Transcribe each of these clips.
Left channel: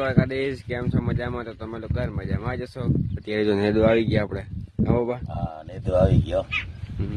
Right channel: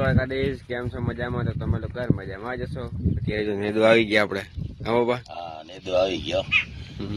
દ્વારકાધીશ. કેમ છો? મજામાં? તો તમે લોકો ઘર મજામાં જશો. અત્યારે તો નેદુ આવી ગયા આપણે. હા બાબા, હા, નેદુ આવી ગયો.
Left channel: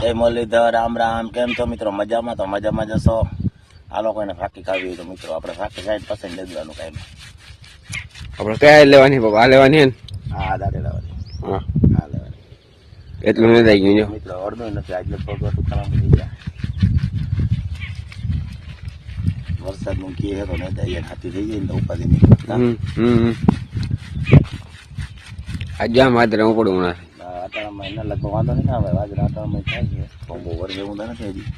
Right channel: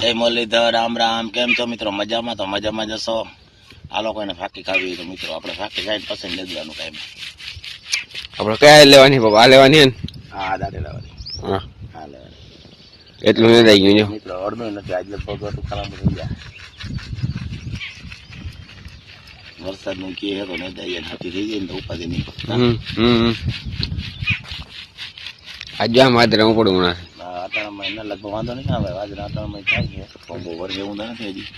જય મુરલીધર, રામ રામ. કેમ છો મિત્રો? મજામાં? તો મજામાં જશો. આ લોકોને ફાંકી ખાવી તો મિત્રો આપણે ફાંકી ખાઈને પછી નેદવાનું કાંઈ આપણે કયા લેવાની બાબા? આ લેવાની ને? હા, દાદે લેવાની. હા, હા, લેવાની. એટલું નહીં થઈ ગયું મિત્રો અડધું નથી આજે થોડું ખરાબ થઈ જાય. વરસાદ નું કી હે તો નહીં જાય હાથી થઈ જાય ને તો ઉપાધિ નહીં. આજે આમ આદરે હું પડું ના આટાણામાં એના લગભગ વાંધો નહીં આવે. આજે આટાણામાં થાય છે તો બહુ વર્ષ એવું નથી હજી.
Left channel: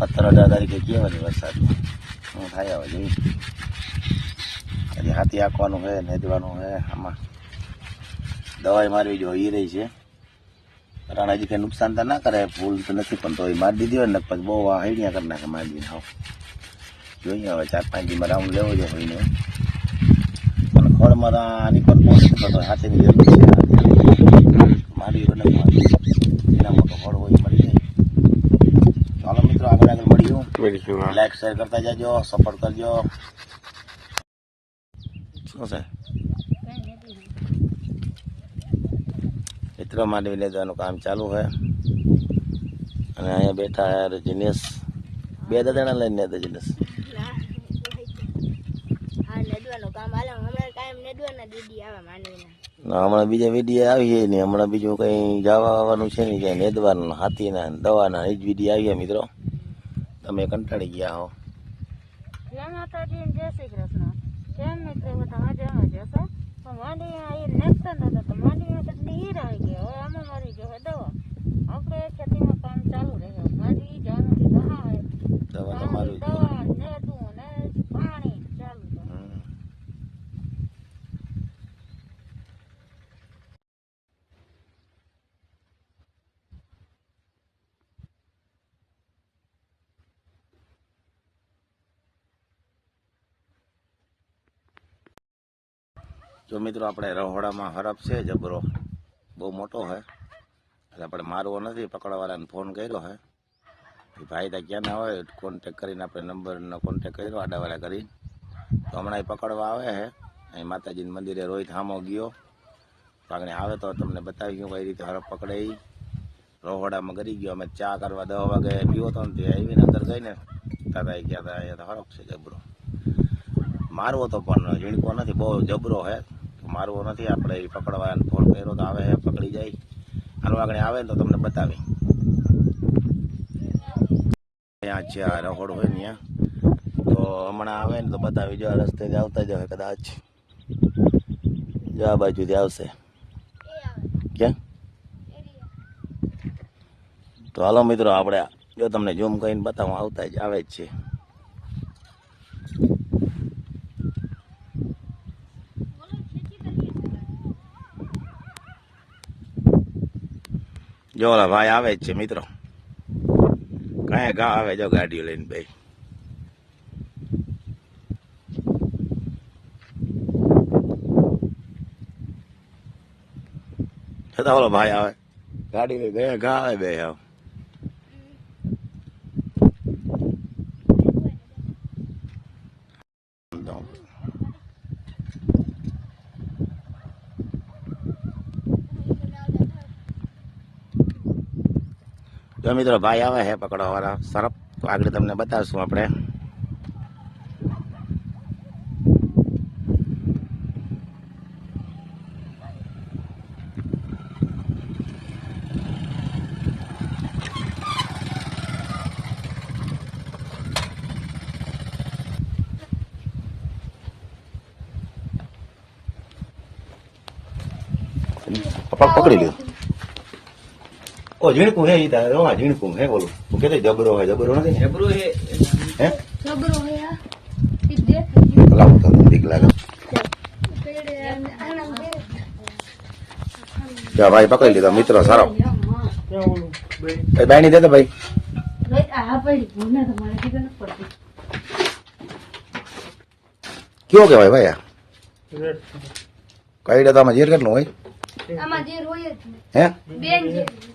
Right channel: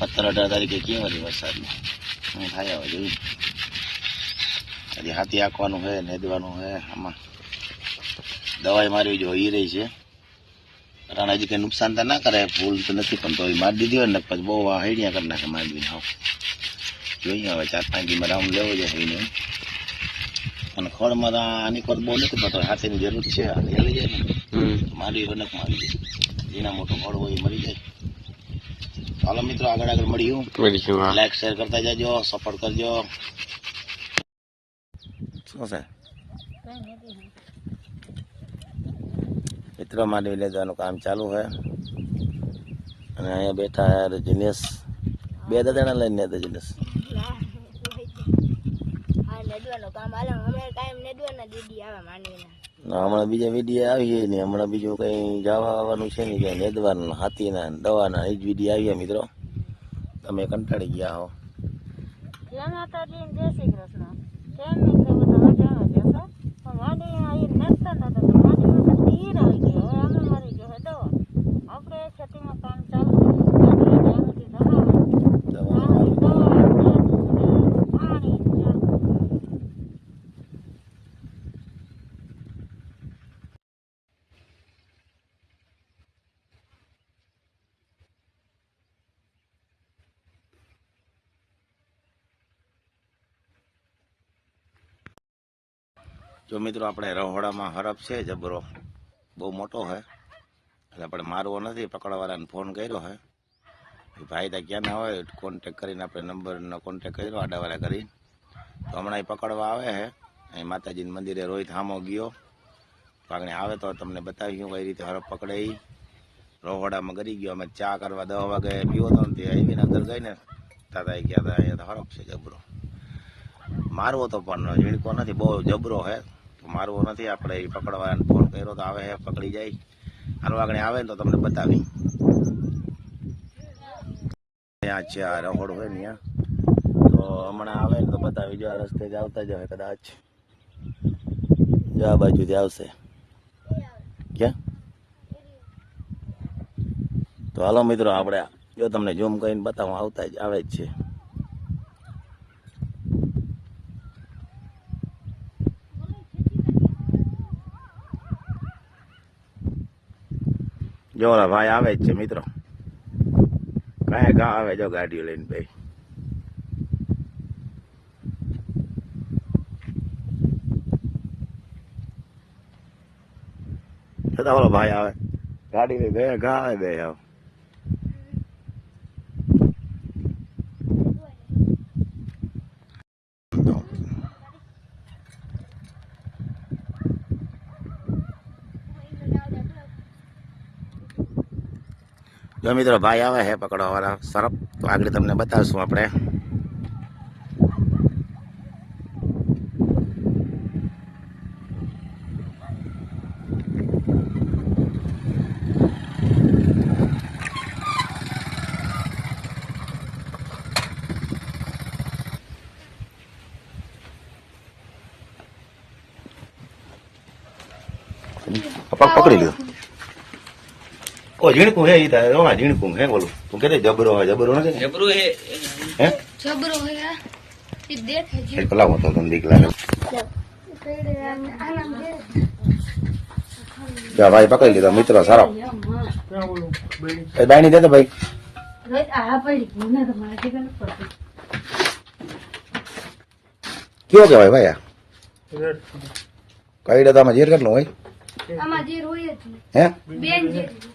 17-18 તારીખે કહેવાની વરસાદમાં હું થાય આવે જોઈ. હજી હાથી આંકવાનું છે, નેદવાનું છે. આમાં દવાઈ મારવી જો ઈ રહી છે. અટાણા હજી કંઈ નુકસાન તો ના કરે, ભૂલ તો નથી પણ તો એ મારી દીધી હોય ને પછી બહુ હૈડિયા કરી નાખે માંડવીને. હાવ જોઈએ હવે 4-5 દીમાં રાઉન્ડ લેવો જોઈએ હોઈને. અને ખોળમાં તો આની પર બહુ નથી થતો. હાથીની જરૂર છે. હાથી લઈ જાય મારી અલગ મારી એના મોટો ખોળ હોય મરી જાય. ચાલો મિત્રો આગળ મળ્યું. લાઈક શેર કરતા જાજો, સપોર્ટ કરજો. શું છે મિત્રો? માંડવી લેવાનું કામ ચાલુ છે અને અહીંયા બેઠા યાર જીનેશ. 2 દાદા લઈને નેદે જીનેશ. હમણાં બીજા વિડીયો આવી ને હમણાં બીજું કઈ જવા આવવાનું છે ને ક્યાંય નેદવાના હાથીના દવાના એ જ વિડીયો આવ્યા મિત્રો. તમે કંટાળી ગયા હો. જય માતાજી, જય શ્રી કૃષ્ણ. કેમ મિત્રો બધા મજામાં જશો? માંડી અહીં નાખતા નતા તો માંડી તીર આવી ગયો. હવે આમાં મરી ગયો દવા. આપણે ખેતીમાં કામ ચાલુ પાણી. જો મિત્રો આપણે રહોડામાં હરફ છે જબરો, બહુ મોટો છે. એટલે આપણે મારવો નથી. પકડવાવાળાને ફોન કર્યો છે. ભાઈ ત્યાં ક્યાં ના હોય કોન્ટેક કરીને આપણે નંબરનો કોન્ટેક કર્યો આડાવાળા કરી. તો હમણાં એ પકડવા આવે છે. અહીં માતાજીના મંદિરે રોહિત હામો ગયો. તો આગળ આવે તો તમને બતાવીશું કઈ રીતે હરફ પકડે. રહોડામાં ગરી ગયો. અમે ચા કરવા 10 વાગે પીવો તો ને તે આવીને અંદર ગઈને દાદા ગયા હતા અહીંયા તો હરફ છે જબરો. મારવો તો પણ ઝીણકો નથી, બહુ જબરો છે. મારવો નથી. આપણે એ પકડવાને ફોન કર્યો તો આવે છે, પકડી જાય. આનું આગળ આવે ને તો તમને બતાવી. ત્યાં છે આ રહોડ હોય ને ત્યાં તો હમણાં આવે ને તો બતાવી. જો આ રસ્તે જ આવતા જ હોય કદાચ. જો આ બાજુથી આવશે. ક્યાં તો હાલો મિત્રો આપણે જો તમને ઝૂમ કરીને બતાવું આવતા જ આવે જ છે. જો ઓલા ભાઈ આવે જ છે મિત્રો. કયા ગા આવે જો ગાડીઓ લઈને ભાઈ. છતાં ઓલો ભાઈ આવે ગાડી લઈ બે ગા આવે બે. આવ જો મિત્રો ભાઈ આવે છે પકડવા વાળા સરપ. તો આગળ તમને બતાવશું આપણે. પકડી લીધું. ઓ ઝીણકું હે ઈ તારે. હા ઝીણકું હે બોલું. તું કે જબરો હે. જબરો નથી જબરો હે. હે જબરો હે ઈ દેખે છે. લાવો તો દીક લાગે. જા ભાઈ પકડી લીધો મિત્રો સારો. એ બાયણી દે તો ભાઈ. આ પડી મને તો મારે કે ન પડતી. કયો કહેવાય ભાઈ આ? કઈ ડે તો આમાં ઝેર કેટલું હોય? આમાં ઝેર હોય જ. હે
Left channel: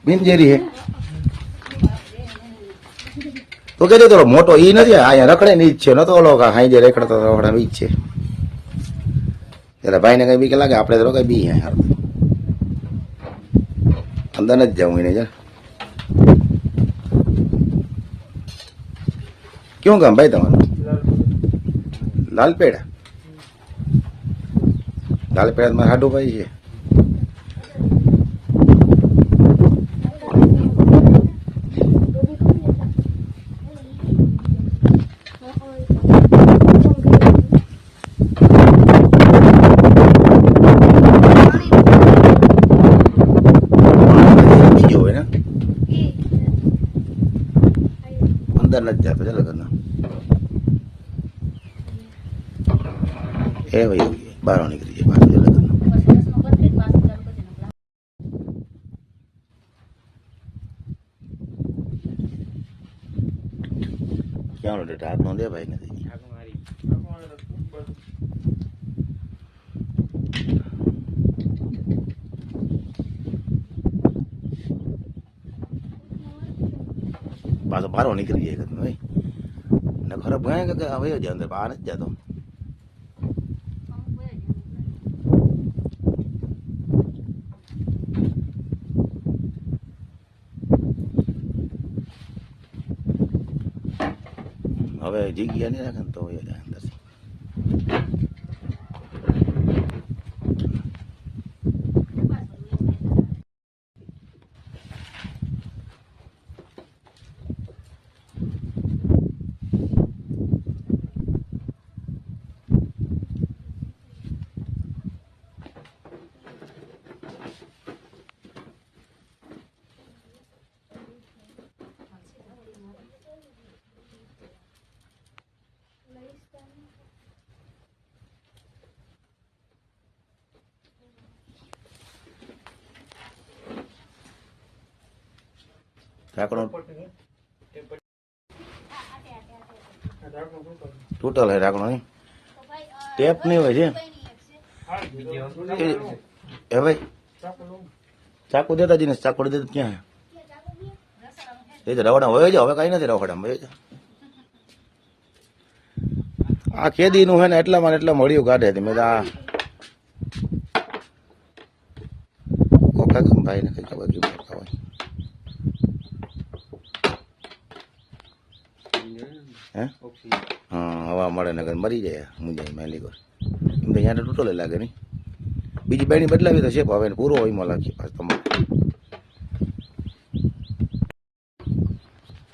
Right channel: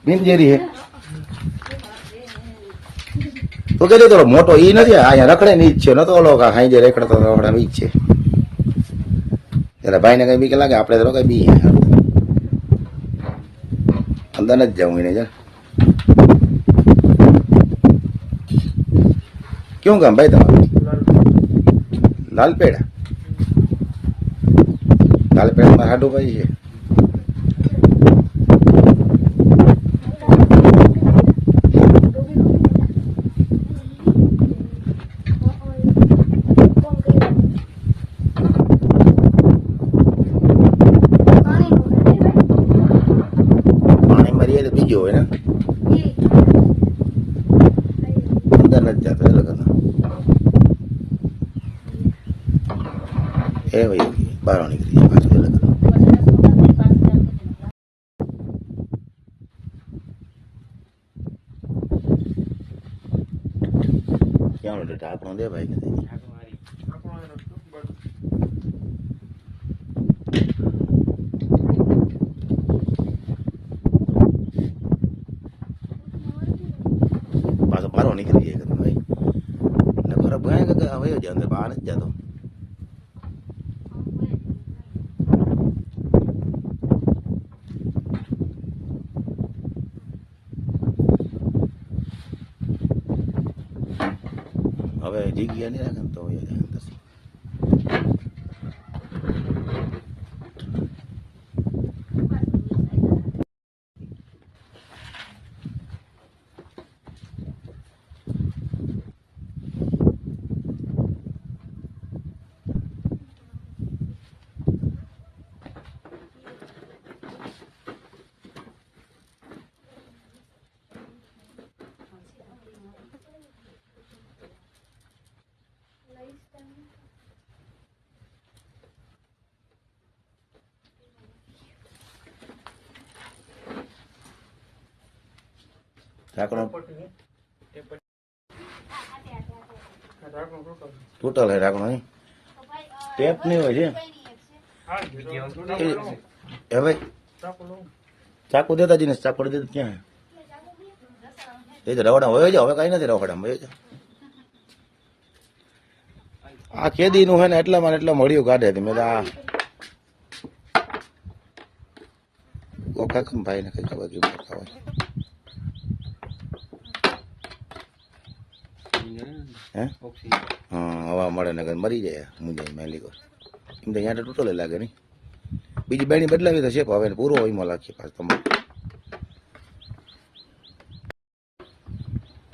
બિનઝેરી હે તો કે થોડો મોટો ઈ નથી. અહીંયા રખડે ને ઈ જ છે. નતો ઓલો હાઈ જે રેખડતો રખડા ઈ જ છે. ત્યારે ભાઈને કઈ બીક લાગે, આપણે તો કઈ બી અંદર નથી જવું એને યાર. ક્યું ગામ ભાઈ તમારું? લાલપેડા. લાલપેડા મારા હાડુભાઈ છે. બીજો હોય ને અંદર નથી જતો એ લગ્ન એ ભાઈ બહાર નીકળી જાય પાછું એ લગ્ન. ક્યાં ડેટા હાથ નો દે ભાઈ નથી. પાછો બારો નીકળી જાય ભાઈ ને ખરાબ ભણાય કે હવે જ અંદર બહાર નથી જતો. હવે જગ્યા નહીં રાખે તો હોય જાય અંદર. ઢાંકણો ટોટલ હે ઢાંકણો નહીં ટેપ નહીં હોય છે. હે ભાઈ ચાકુ દેતા જઈને ચાકુ દેતા ક્યાં એ તો રવાડા હોય છે. હવે કઈ નથી રવાડામાં હોય છે. આ કેદી નું હે ને એટલામાં એટલા મળ્યું કાઢે હતી. મેં આ કોપડા ખંભાઈ ને કઈ ખબર હોય હે હા હવા મળે ને મરી જાય મુંજાઈ મેલી કર એમ તો અહીંયા તૂટો લાગે નહીં. બીજી બેણી બદલાવી તો છે હવે પૂરો હોય માં લાગશે તમારે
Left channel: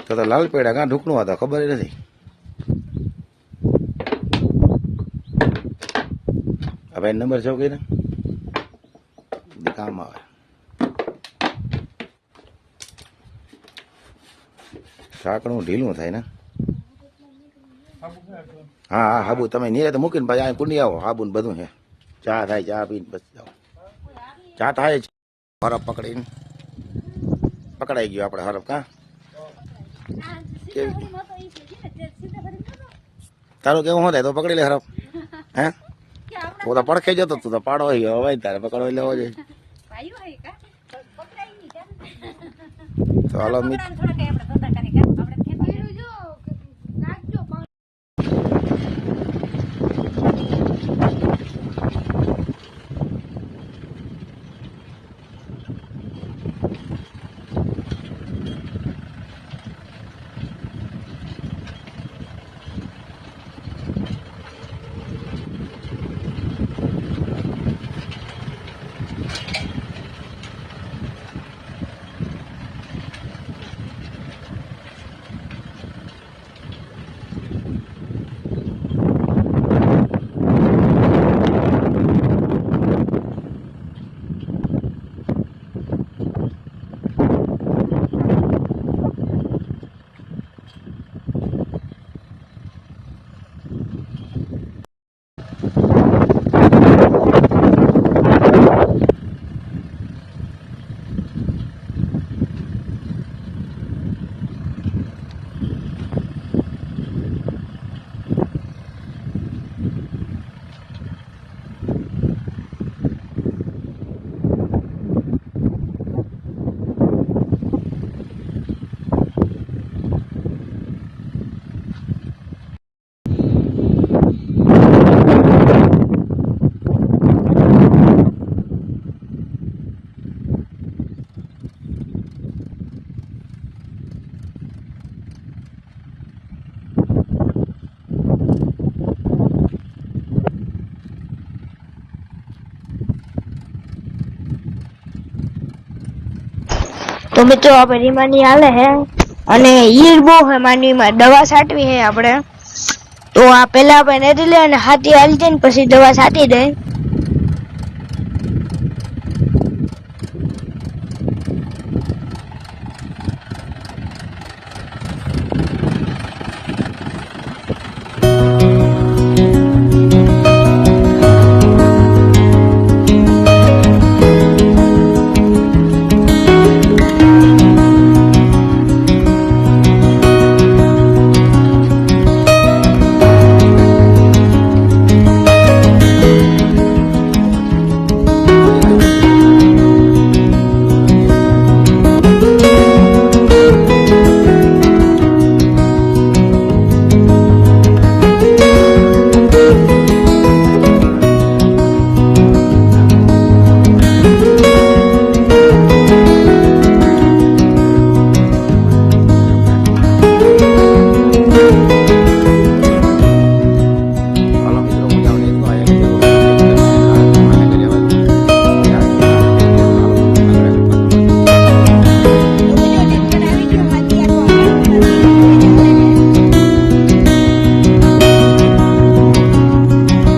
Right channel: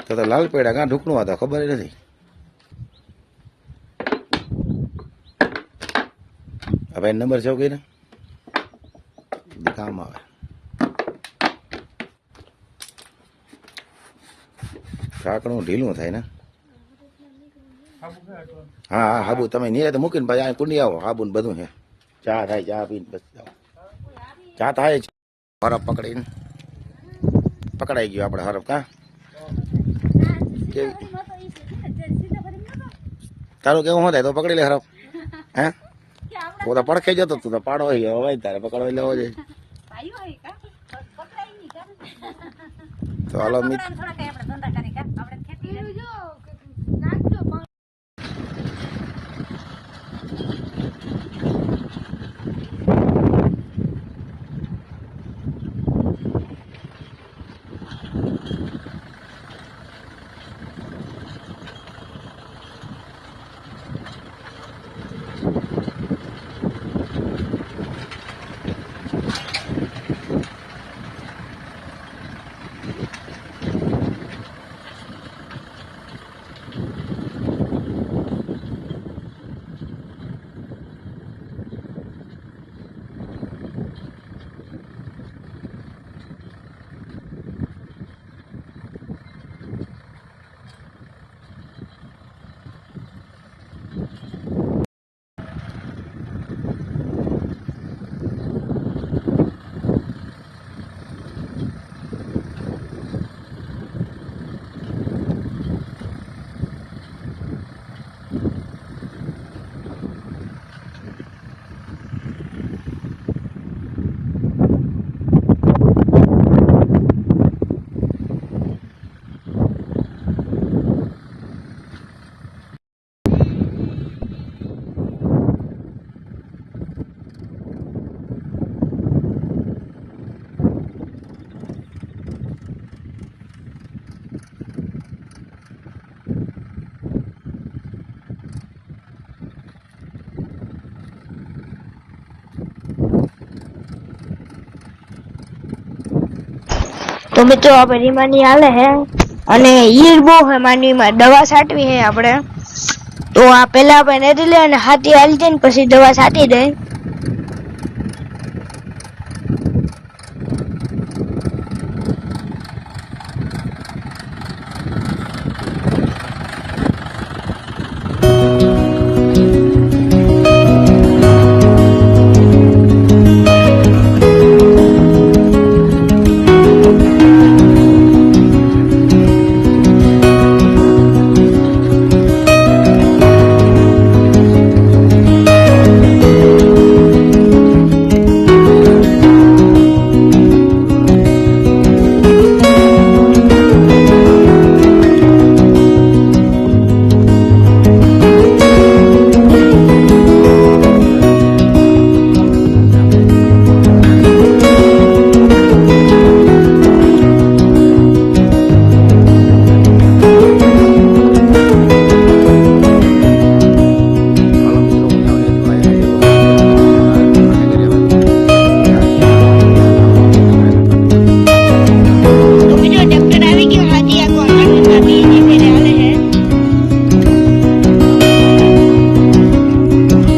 તો લાલ પેડા કાં ઢૂકણું હતા ખબર નથી. હવે નંબર છે કઈ ને કામ આવે. ઢાંકણું ઢીલું થાય ને. હા હા હાબુ તમે નીરે તો મૂકીને પછી આ કુંડી આવો હાબુ ને બધું છે. ચા થાય ચા પીને પછી જાઓ. ચા થાય જ હરફ પકડીને પકડાઈ ગયો આપણે હરફ કા કેવી તારું કેવું થાય તો પકડી લે હરફ હે તો પડખે જતો તું તો પાડો ગયો હવે તારે પકડવા લેવો જોઈએ. તો હાલો મિત્ર મિત્રો આપણે રીમાની હાલે હે અને ઈર બહુ હે માંડવીમાં દવા છાંટવી હે આપણે તો આ પેલા આપણે નેટી લે અને હાથી હાલી જાય ને પછી દવા છાંટી દે હાલો મિત્રો હું જાઉં છું આ એને જરૂર મને કરી આવે તો બીજો ટ્રેક્ટર આવી ગયો હાથી આખો માંડવીમાં બીજી ફેરે હાલે હે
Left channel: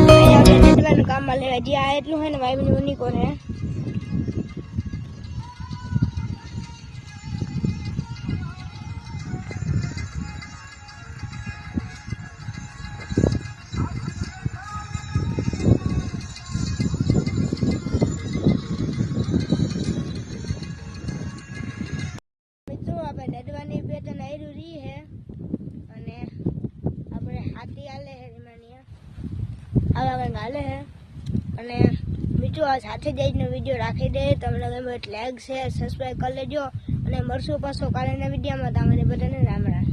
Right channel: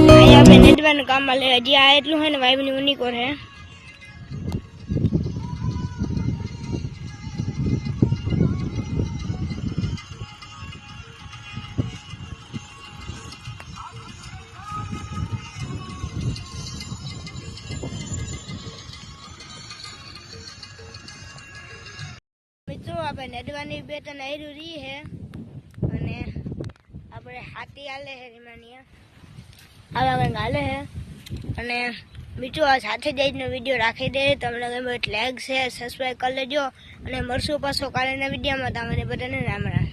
અહીંયા આપણે નેટવાનું કામ માં લે હજી આ એટલું હે ને વાઈબની ઉની કોર હે મિત્રો આપણે નેડવાની બે ત્રણ આયરું રી હે અને આપણે હાથી હાલે હે રીમાનિયા આવા કંઈક હાલે હે અને મિત્રો આ સાથે જ આજનો વિડીયો રાખી દે તમને ગમે લાઈક શેર સબસ્ક્રાઈબ કરી લેજો અને મળશું પાછો કાલના વિડીયોમાં તમને બધાને રામ રામ